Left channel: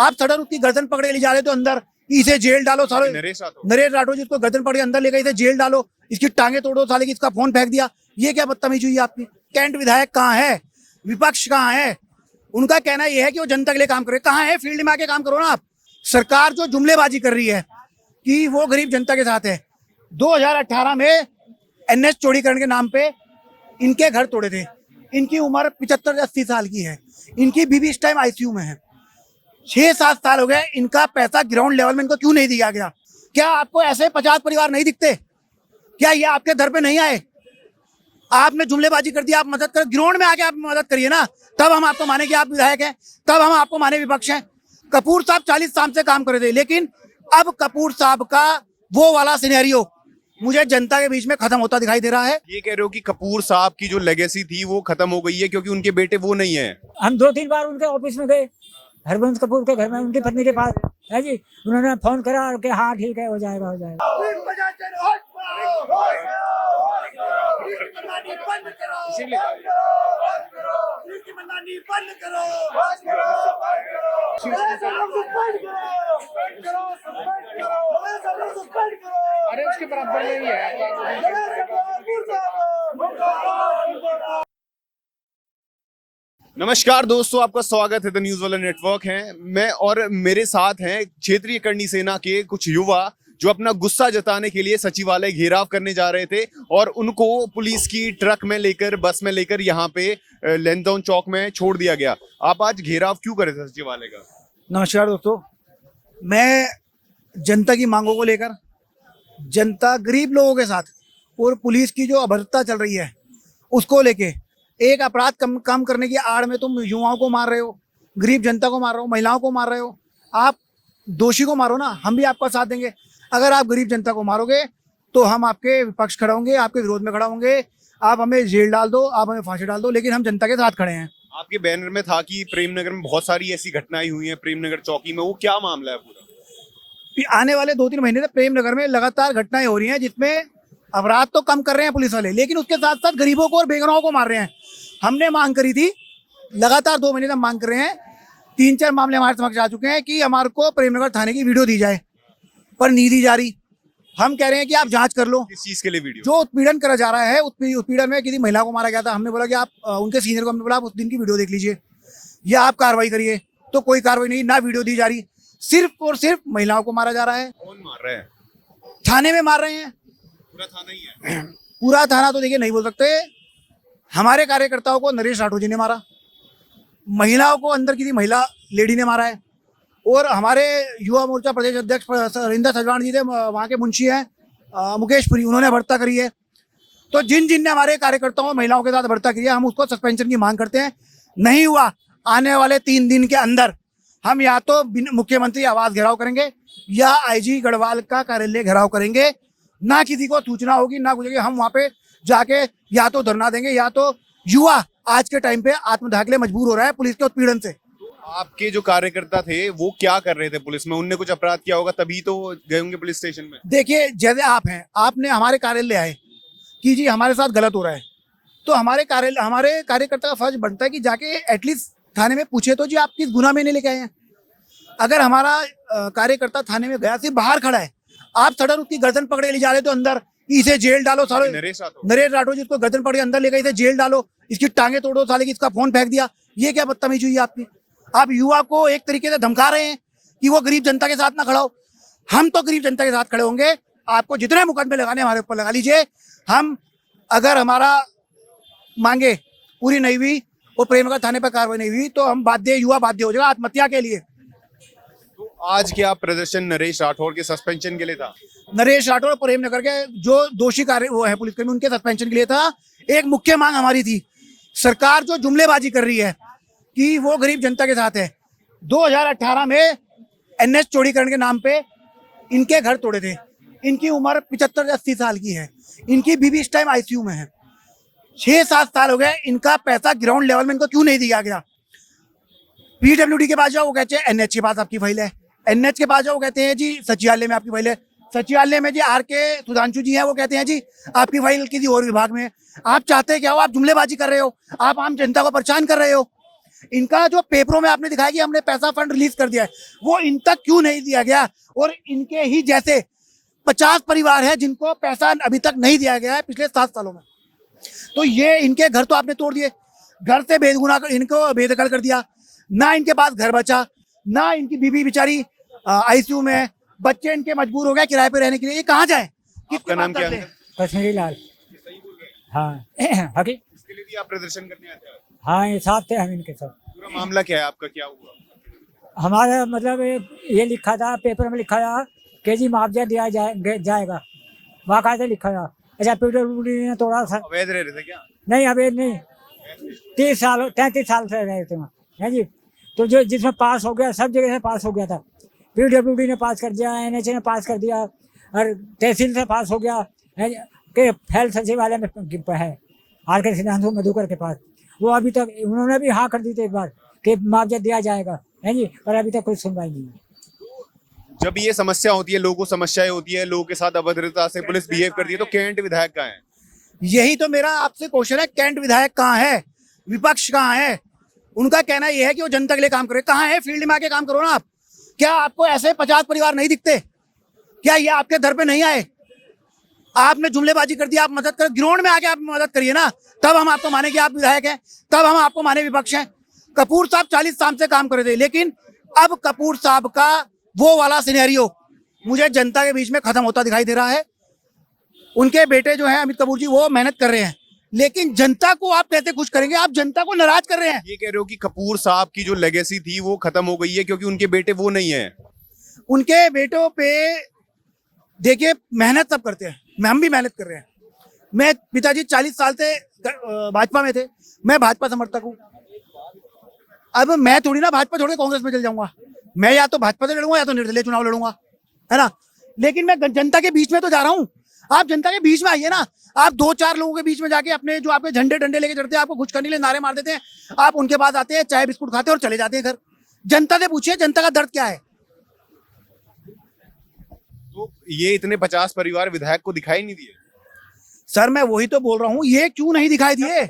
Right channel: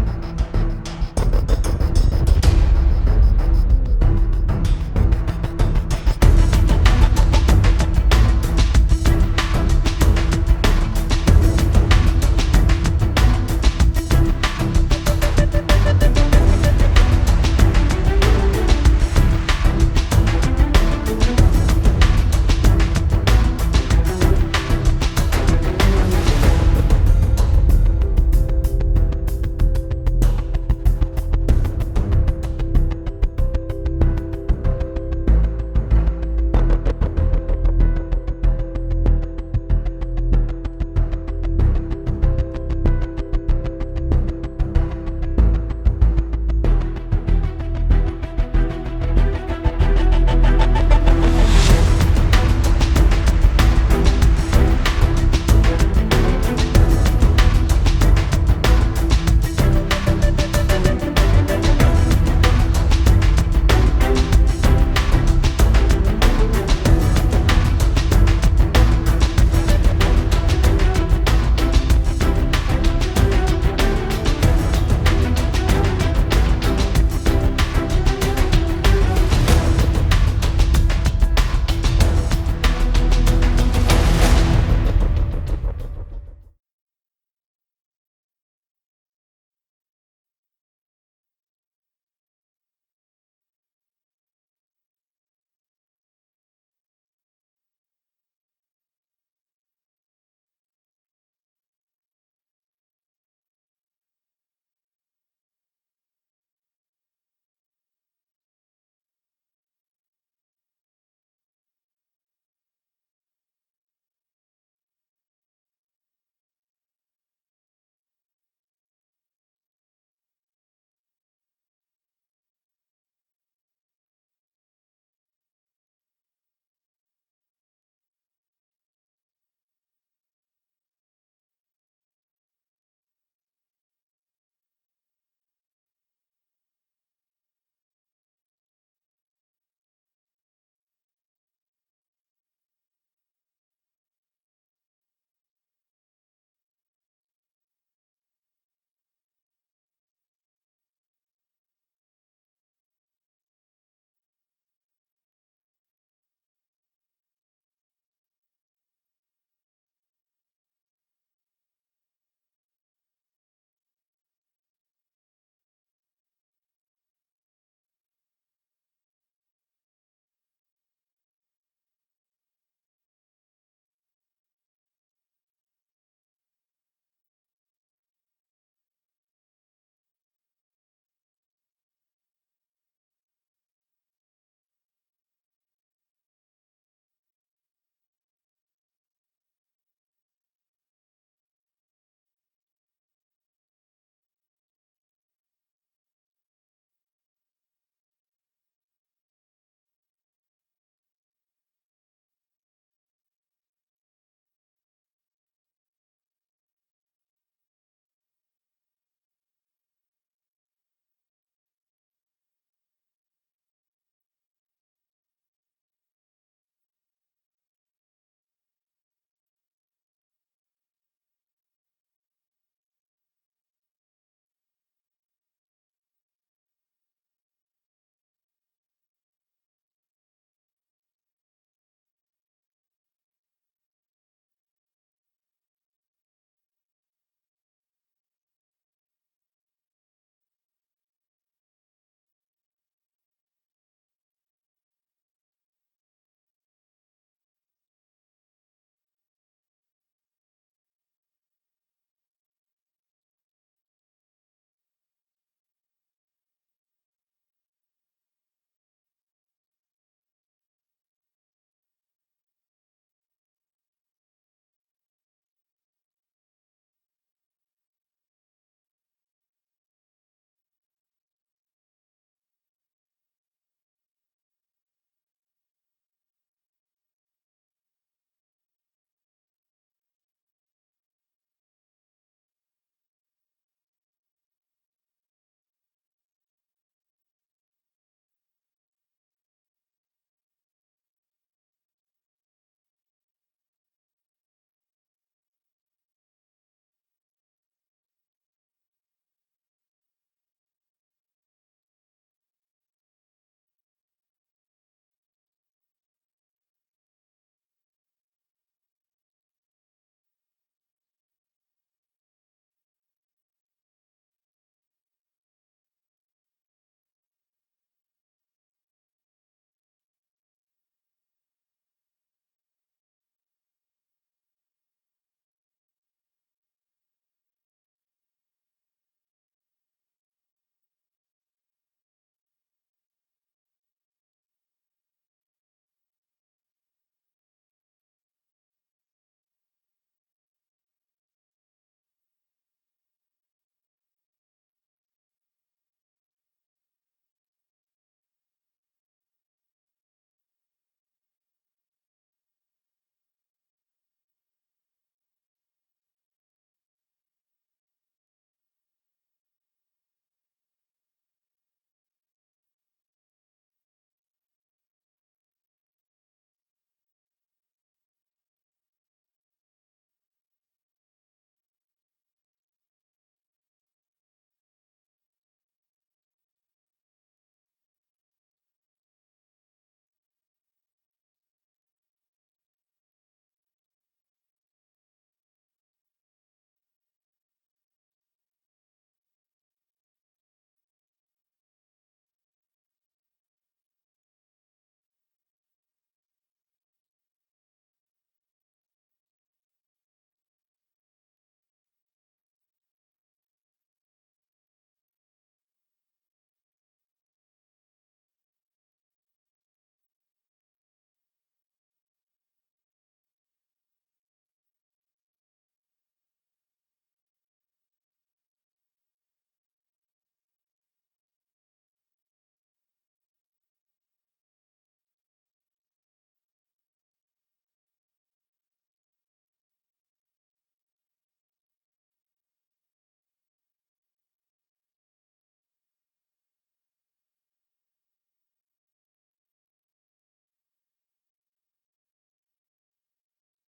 आप सडन उसकी गर्दन पकड़े ले जा रहे तो अंदर, इसे जेल डालो सारे। नरेश राठौर जिसको गर्दन पकड़े अंदर ले गए, इसे जेल डालो, इसकी टांगे तोड़ो साले की, इसका फोन फेंक दिया। ये क्या बदतमीजी हुई आपकी? कैंट विधायक कहाँ है? विपक्ष कहाँ है? उनका कहना यह है कि वो जनता के लिए काम करे। कहाँ है? फील्ड में आके काम करो ना आप। सरकार जो जुमलेबाजी कर रही है कि वो गरीब जनता के साथ है। 2018 में एनएच चौड़ीकरण के नाम पे इनके घर तोड़े थे। इनकी उम्र 75 से 80 साल की है। इनकी बीवी इस टाइम आईसीयू में है। 6-7 साल हो गए, इनका पैसा ग्राउंड लेवल में इनको क्यों नहीं दिया गया? क्या आपको ऐसे 50 परिवार नहीं दिखते? क्या ये आपके घर पे नहीं आए? आपने जुमलेबाजी कर दी, आप मदद कर, ग्राउंड में आके आप मदद करिए ना, तब हम आपको माने कि आप विधायक हैं, तब हम आपको माने विपक्ष हैं। कपूर साहब 40 साल से काम कर रहे थे, लेकिन अब कपूर साहब का वो वाला सिनेरियो मुझे जनता के बीच में खत्म होता दिखाई दे रहा है। ये कह रहे हो कि कपूर साहब की जो लेगेसी थी वो खत्म हो गई है क्योंकि उनके बेटे वो नहीं है? हम 2-3 बार उनके ऑफिस में गए, हरवंश कपूर के घर में, उनकी पत्नी के पास, उन्होंने फोन करा कि हाँ ठीक है, हो जाएगा। नमस्कार दोस्तों, आपका स्वागत है द न्यूज़ वाला नेटवर्क है। मैं और मेरे साथ हैं क्षेत्रीय करनी सेना के कुछ युवा जो अपना गुस्सा जताने के लिए सचिवालय घेराव करने जा रहे थे और उनको पुलिस की ट्रक में लेकर, बस में लेकर यहाँ पे लेंथडाउन चौक में छोड़ दिया गया। आप आज घेराव क्यों करे थे सचिवालय का? नमस्कार दोस्तों, मैं जनता की मांगों को लेकर, जनता गरीब लोगों के साथ और पुलिस की जो अभद्रता चल रही है उसको लेके, एक अपराध कम करने की आड़ में तुम युवाओं को मार रहे हो, गरीब जनता को मार रहे हो, महिलाओं को मार रहे हो। आप दोषी को मारो ना, हम भी आपका साथ देंगे। अगर आप गरीब जनता को मारोगे तो हम आपके विपक्ष खड़ा होंगे, आपके विरोध में खड़ा होंगे। आप हमें जेल डाल दो, आप हमें फांसी डाल दो, लेकिन हम जनता के साथ खड़े हैं। आपके बैनर में था कि प्रेमनगर में बहुत सारी ऐसी घटनाएं हुई हैं, प्रेमनगर चौकी में, वो क्या मामला है पूरा? आने वाले 2-3 महीने से प्रेमनगर में लगातार घटनाएं हो रही हैं जिसमें अपराध तो कम कर रहे हैं पुलिस वाले, लेकिन उसके साथ साथ गरीबों को और बेगुनाहों को मार रहे हैं। हमने मांग करी थी, लगातार 2 महीने से मांग कर रहे हैं, 3-4 मामले हमारे समक्ष आ चुके हैं कि हमारे को प्रेमनगर थाने की वीडियो दी जाए, पर नहीं दी जा रही। हम कह रहे हैं कि आप जांच कर लो। किस चीज के लिए वीडियो? जो उत्पीड़न करा जा रहा है, उत्पीड़न में किसी महिला को मारा गया था, हमने बोला कि आप उनके सीनियर को, हमने बोला आप उस दिन की वीडियो देख लीजिए या आप कार्रवाई करिए, तो कोई कार्रवाई नहीं, ना वीडियो दी जा रही। सिर्फ और सिर्फ महिलाओं को मारा जा रहा है। कौन मार रहा है? थाने में मार रहे हैं। पूरा थाना ही है? पूरा थाना तो देखिए नहीं बोल सकते। हमारे कार्यकर्ताओं को नरेश राठौर जी ने मारा, महिलाओं को अंदर किसी महिला लेडी ने मारा है, और हमारे युवा मोर्चा प्रदेश अध्यक्ष रिंदा सजवाण जी थे, वहाँ के मुंशी हैं मुकेश पुरी, उन्होंने भर्ता करी है। तो जिन ने हमारे कार्यकर्ताओं और महिलाओं के साथ भर्ता करी है, हम उसको सस्पेंशन की मांग करते हैं। नहीं हुआ, आने वाले 3 दिन के अंदर हम या तो मुख्यमंत्री आवास घेराव करेंगे या आईजी गढ़वाल का कार्यालय घेराव करेंगे। ना किसी को सूचना होगी, ना कुछ होगी। हम वहाँ पे जाके या तो धरना देंगे, या तो युवा आज के टाइम पे आत्मदाह के लिए मजबूर हो रहा है पुलिस के उत्पीड़न से। आपके जो कार्यकर्ता थे वो क्या कर रहे थे पुलिस में? उनने कुछ अपराध किया होगा तभी तो गए होंगे पुलिस स्टेशन में। देखिए, जैसे आप हैं, आपने हमारे कार्यालय आए कि जी हमारे साथ गलत हो रहा है, तो हमारे कार्यकर्ता का फर्ज बनता है कि जाके एटलीस्ट थाने में पूछे तो जी आप किस गुनाह में नहीं लेके आए हैं। अगर हमारा कार्यकर्ता थाने में गया, सिर्फ बाहर खड़ा है, आप सडन उसकी गर्दन पकड़े ले जा रहे तो अंदर, इसे जेल डालो सारे। नरेश राठौर जिसको गर्दन पकड़े अंदर ले गए, इसे जेल डालो, इसकी टांगे तोड़ो साले की, इसका फोन फेंक दिया। ये क्या बदतमीजी हुई आपकी? आप युवा को एक तरीके से धमका रहे हैं कि वो गरीब जनता के साथ ना खड़ा हो। हम तो गरीब जनता के साथ खड़े होंगे। आपको जितने मुकदमे लगाने हमारे ऊपर लगा लीजिए। हम, अगर हमारा मांगे पूरी नहीं हुई और प्रेमनगर थाने पर कार्रवाई नहीं हुई तो हम युवा बाध्य हो जाएगा आत्महत्या के लिए। तो आज क्या प्रदर्शन नरेश राठौर के सस्पेंशन के लिए था? नरेश राठौर प्रेमनगर के जो दोषी कार्य वो है पुलिसकर्मी, उनके सस्पेंशन के लिए था। एक मुख्य मांग हमारी थी, सरकार जो जुमलेबाजी कर रही है कि वो गरीब जनता के साथ है। 2018 में एनएच चौड़ीकरण के नाम पे इनके घर तोड़े थे। इनकी उम्र 75 से 80 साल की है। इनकी बीवी इस टाइम आईसीयू में है। 6-7 साल हो गए, इनका पैसा ग्राउंड लेवल में इनको क्यों नहीं दिया गया? पीडब्ल्यूडी के पास जाओ, वो कहते हैं एनएच के पास आपकी फाइल है। एनएच के पास जाओ, वो कहते हैं जी सचिवालय में आपकी फाइल है। सचिवालय में जी आर.के. सुधांशु जी हैं, वो कहते हैं जी आपकी फाइल किसी और विभाग में है। आप चाहते क्या हो? आप जुमलेबाजी कर रहे हो, आप आम जनता को परेशान कर रहे हो। इनका जो पेपरों में आपने दिखाया कि हमने पैसा फंड रिलीज कर दिया है, वो इन तक क्यों नहीं दिया गया? और इनके ही जैसे 50 परिवार है जिनको पैसा अभी तक नहीं दिया गया है पिछले 7 सालों में। तो ये इनके घर तो आपने तोड़ दिए, घर से बेदगुना इनको बेदखल कर दिया, ना इनके पास घर बचा, ना इनकी बीबी बेचारी आईसीयू में, बच्चे इनके मजबूर हो गए किराए पे रहने के लिए। ये कहाँ जाए? आपका नाम क्या है? कश्मीरी लाल। हाँ हकी इसके लिए भी आप प्रदर्शन करने आते हैं? हाँ, ये साथ थे हम इनके साथ। पूरा मामला क्या है आपका, क्या हुआ? हमारा मतलब ये लिखा था, पेपर में लिखा था कि जी मुआवजा दिया जाएगा, बाकायदा लिखा था। अच्छा, PWD ने तोड़ा था। अवैध रह रहे थे क्या? नहीं, अवैध नहीं, 33 साल से रहे थे वहाँ, है जी। तो जो जिसमें पास हो गया, सब जगह से पास हो गया था। PWD ने पास कर दिया, NHA ने पास कर दिया, और तहसील से पास हो गया है कि फैल सचिवालय में है RK सिद्धांत मधुकर के पास। वो अभी तक उन्होंने भी हाँ कर दी थी एक बार कि मुआवजा दिया जाएगा, है जी, पर अभी तक कोई सुनवाई नहीं है। जब ये समस्या होती है, लोगों को समस्याएं होती है, लोगों के साथ अभद्रता से पुलिस बिहेव करती है, तो कैंट विधायक कहाँ है? यही तो मेरा आपसे क्वेश्चन है, कैंट विधायक कहाँ है? विपक्ष कहाँ है? उनका कहना यह है कि वो जनता के लिए काम करे। कहाँ है? फील्ड में आके काम करो ना आप। क्या आपको ऐसे 50 परिवार नहीं दिखते? क्या ये आपके दर पे नहीं आए? आपने जुमलेबाजी कर दी, आप मदद कर, ग्राउंड में आके आप मदद करिए ना, तब हम आपको माने कि आप विधायक हैं, तब हम आपको माने विपक्ष हैं। कपूर साहब 40 साल से काम कर रहे थे, लेकिन अब कपूर साहब का वो वाला सिनेरियो मुझे जनता के बीच में खत्म होता दिखाई दे रहा है। उनके बेटे जो हैं अमित कपूर जी, वो मेहनत कर रहे हैं, लेकिन जनता को आप कैसे खुश करेंगे? आप जनता को नाराज कर रहे हैं। ये कह रहे हो कि कपूर साहब की जो लेगेसी थी वो खत्म हो गई है क्योंकि उनके बेटे वो नहीं है? उनके बेटों पे देखिए, मेहनत सब करते हैं, हम भी मेहनत कर रहे हैं। मैं पिताजी 40 साल से भाजपा में थे, मैं भाजपा समर्थक हूँ। अब मैं थोड़ी ना भाजपा छोड़ के कांग्रेस में चल जाऊंगा, मैं या तो भाजपा से लड़ूंगा या तो निर्दलीय चुनाव लड़ूंगा, है ना। लेकिन मैं जनता के बीच में तो जा रहा हूँ। आप जनता के बीच में आइए ना। आप 2-4 लोगों के बीच में जाके अपने जो आपके झंडे डंडे लेके चढ़ते हैं, आपको खुश करने के लिए नारे मार देते हैं, आप उनके पास आते हैं, चाय बिस्कुट खाते हैं और चले जाते हैं घर। जनता से पूछिए जनता का दर्द क्या है। तो ये इतने 50 परिवार विधायक को दिखाई नहीं दिए? सर मैं वही तो बोल रहा हूँ, ये क्यों नहीं दिखाई दिए?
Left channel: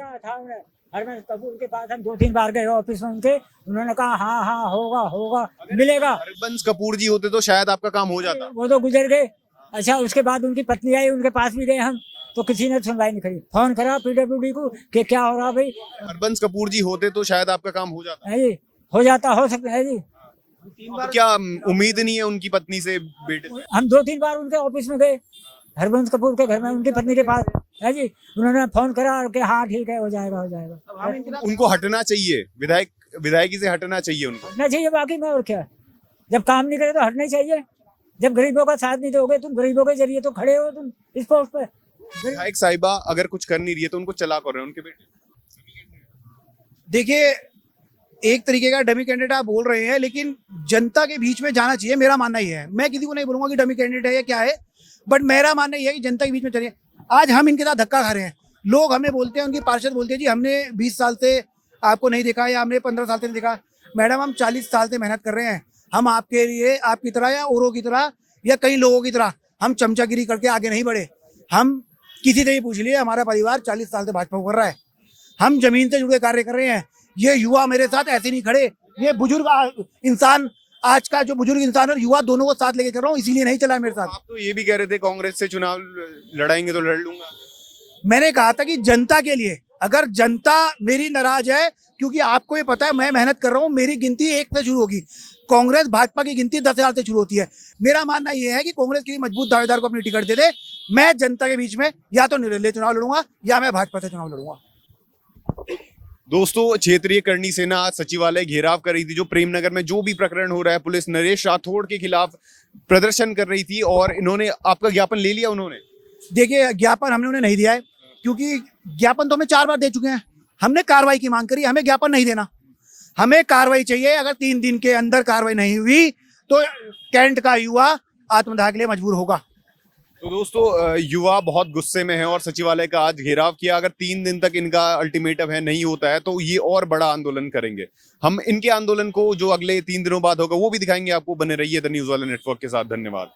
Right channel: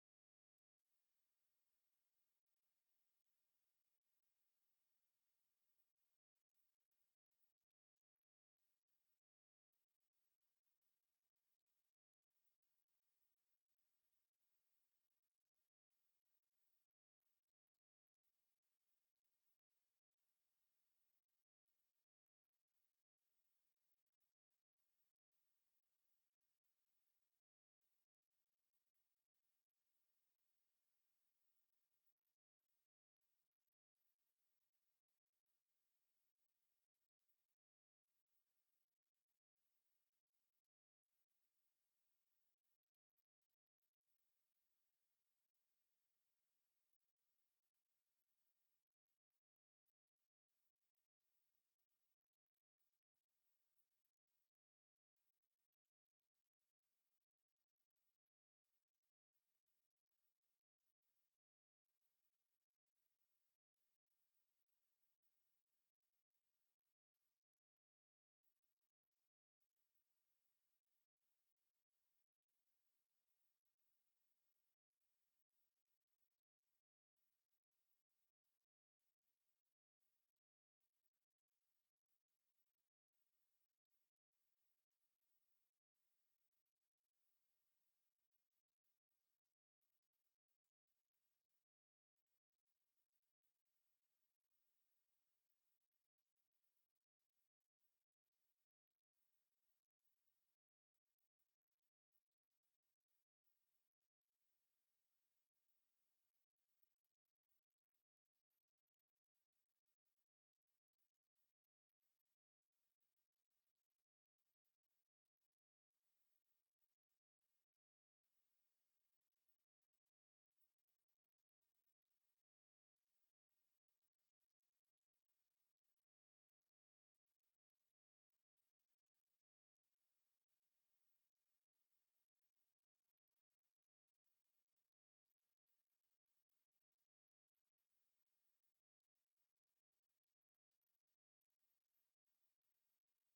हरबंस कपूर के पास हम 2-3 बार गए ऑफिस में उनके, उन्होंने कहा हाँ हाँ होगा मिलेगा। हरबंस कपूर जी होते तो शायद आपका काम हो जाता। वो तो गुजर गए। अच्छा, उसके बाद उनकी पत्नी आई, उनके पास भी गए हम, तो किसी ने सुनवाई नहीं करी। फोन करा PWD को कि क्या हो रहा भाई। हरबंस कपूर जी होते तो शायद आपका काम हो जाता है जी, हो जाता, हो सकता है जी। अब क्या उम्मीद नहीं है उनकी पत्नी से? बेटे हम 2-3 बार उनके ऑफिस में गए, हरबंस कपूर के घर में, उनकी पत्नी के पास, है जी। उन्होंने फोन करा कि हाँ ठीक है, हो जाएगा। उनको हटना चाहिए, विधायकी से हटना चाहिए उनको। हटना चाहिए, बाकी में और क्या। जब काम नहीं करे तो हटना ही चाहिए। जब गरीबों का साथ नहीं दोगे, तुम गरीबों के जरिए तो खड़े हो तुम इस पोस्ट पे। विधायक साहिबा अगर कुछ कर नहीं रही है तो उनको चला कर रहे हैं उनके बेटे। देखिए, एक तरीके का डमी कैंडिडेट आप बोल रहे हैं, लेकिन जनता के बीच में जाना चाहिए, मेरा मानना ही है। मैं किसी को नहीं बोलूंगा कि डमी कैंडिडेट है या क्या है, बट मेरा मानना ही है कि जनता के बीच में चलिए। आज हम इनके साथ धक्का खा रहे हैं, लोग हमें बोलते हैं, उनकी पार्षद बोलते हैं जी हमने 20 साल से आपको नहीं देखा या हमने 15 साल से नहीं देखा। मैडम, हम 40 साल से मेहनत कर रहे हैं। हम आपके लिए आपकी तरह या औरों की तरह या कई लोगों की तरह हम चमचागिरी करके आगे नहीं बढ़े। हम किसी से भी पूछ लिए, हमारा परिवार 40 साल से भाजपा कर रहा है। हम जमीन से जुड़े कार्य कर रहे हैं। ये युवा मेरे साथ ऐसे नहीं खड़े, ये बुजुर्ग इंसान, आज का जो बुजुर्ग इंसान और युवा दोनों को साथ लेके कर रहा हूँ, इसीलिए नहीं चला मेरे साथ। आप तो ये भी कह रहे थे कांग्रेस से चुनाव लड़ाएंगे तो लड़ लूंगा। मैंने कहा था कि जनता के लिए, अगर जनता मेरी नाराज है, क्योंकि आपको ये पता है मैं मेहनत कर रहा हूँ, मेरी गिनती 1 से शुरू होगी। कांग्रेस भाजपा की गिनती 10,000 से शुरू होती है। मेरा मानना यह है कि कांग्रेस के मजबूत दावेदार को अपनी टिकट दे दे। मैं जनता के बीच में या तो निर्दलीय चुनाव लड़ूंगा या मैं भाजपा से चुनाव लड़ूंगा। दोस्तों, क्षेत्रीय करनी सेना आज सचिवालय घेराव कर रही थी। जो प्रेमनगर में जो भी प्रकरण हो रहा है, पुलिस नरेश राठौड़ के खिलाफ प्रदर्शन कर रही थी और इन्होंने आपका ज्ञापन ले लिया। उन्होंने देखिए, ज्ञापन हमने उन्हें नहीं दिया है, क्योंकि ज्ञापन तो हमें 4 बार दे चुके हैं। हमने कार्रवाई की मांग करी, हमें ज्ञापन नहीं देना, हमें कार्रवाई चाहिए। अगर 3 दिन के अंदर कार्रवाई नहीं हुई तो कैंट का युवा आत्मदाह के लिए मजबूर होगा। तो दोस्तों, युवा बहुत गुस्से में है और सचिवालय का आज घेराव किया। अगर 3 दिन तक इनका अल्टीमेटम है नहीं होता है तो ये और बड़ा आंदोलन करेंगे। हम इनके आंदोलन को जो अगले 3 दिनों बाद होगा वो भी दिखाएंगे आपको। बने रहिए द न्यूज़ वाला नेटवर्क के साथ। धन्यवाद।